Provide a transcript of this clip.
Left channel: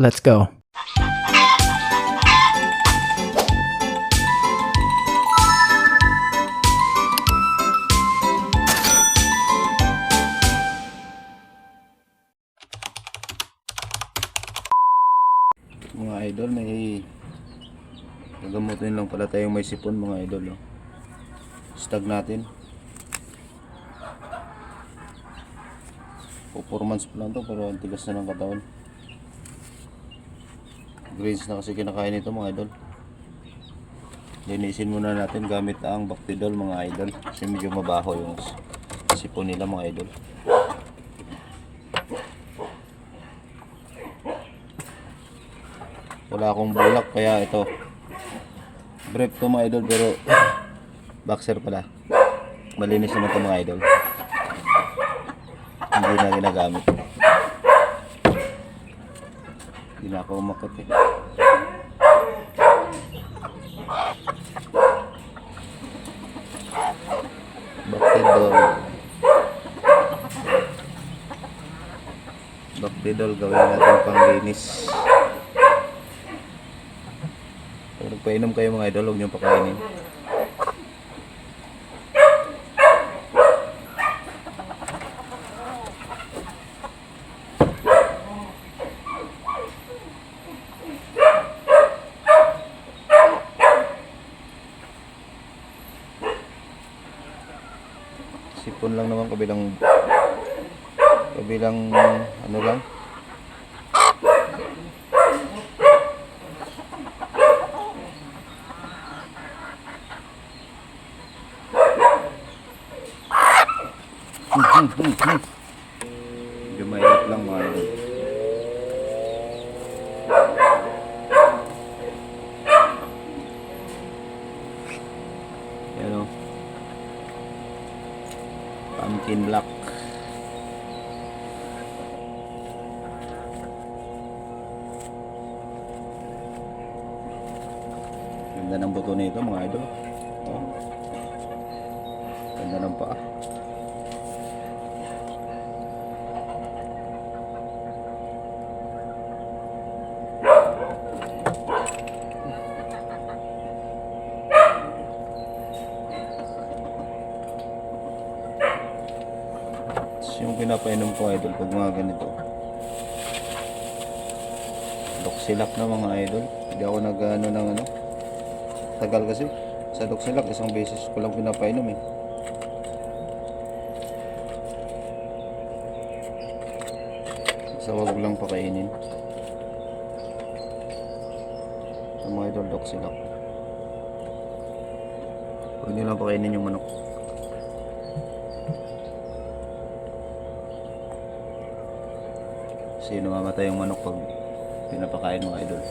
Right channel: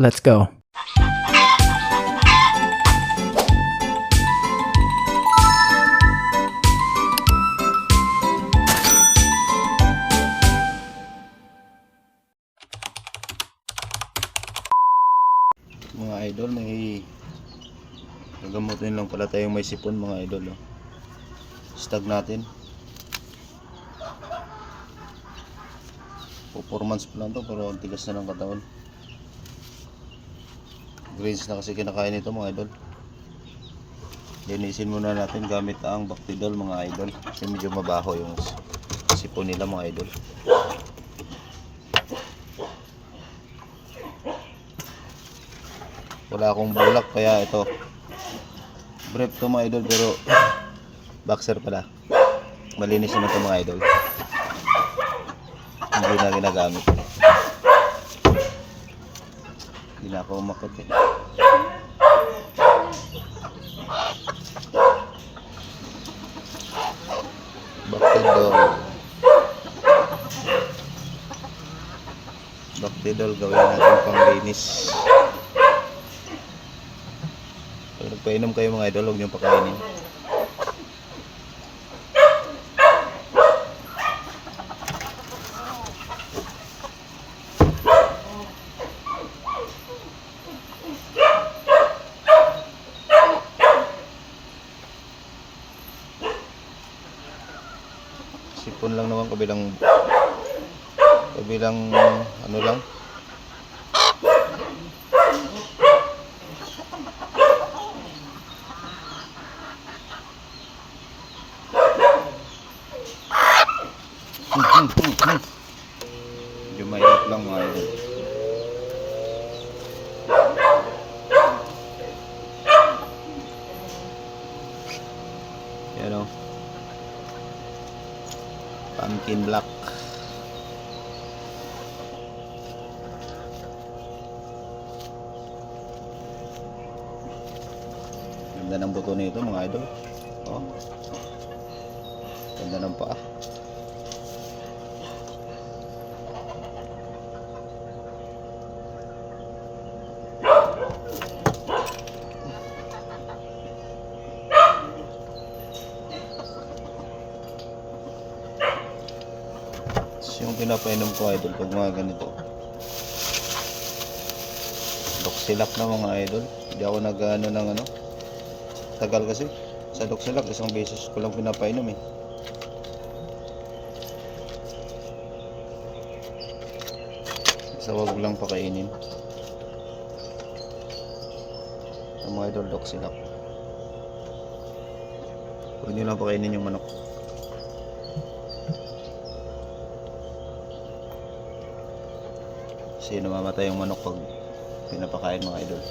Let's go. Mga idol, may gagamutin lang pala tayong may sipon mga idol. Stag natin. 4 months pa lang to pero ang tigas na ng katawan. Greens na kasi kinakain ito mga idol. Linisin muna natin gamit ang Bactidol mga idol kasi medyo mabaho yung sipon nila mga idol. Wala akong bulak kaya ito brief to mga idol pero boxer pala. Malinis naman to mga idol. Hindi na ginagamit. Hindi na ako umakit eh. Bactidol. Bactidol gawin natin panglinis. Pag nagpainom kayo mga idol, huwag niyong pakainin. Sipon lang naman, kabilang ano lang. Medyo mahirap lang mga idol. Yan o, pumpkin black. Ganda ng buto nito mga idol. Oh, ganda ng paa. Yung pinapainom ko idol pag mga ganito Doxilak na mga idol. Hindi ako nag-ano ng ano, tagal kasi sa Doxilak isang beses ko lang pinapainom eh. Sa wag lang pakainin ang mga idol Doxilak. Huwag nyo lang pakainin yung manok. Kasi namamatay yung manok pag pinapakain mga idol.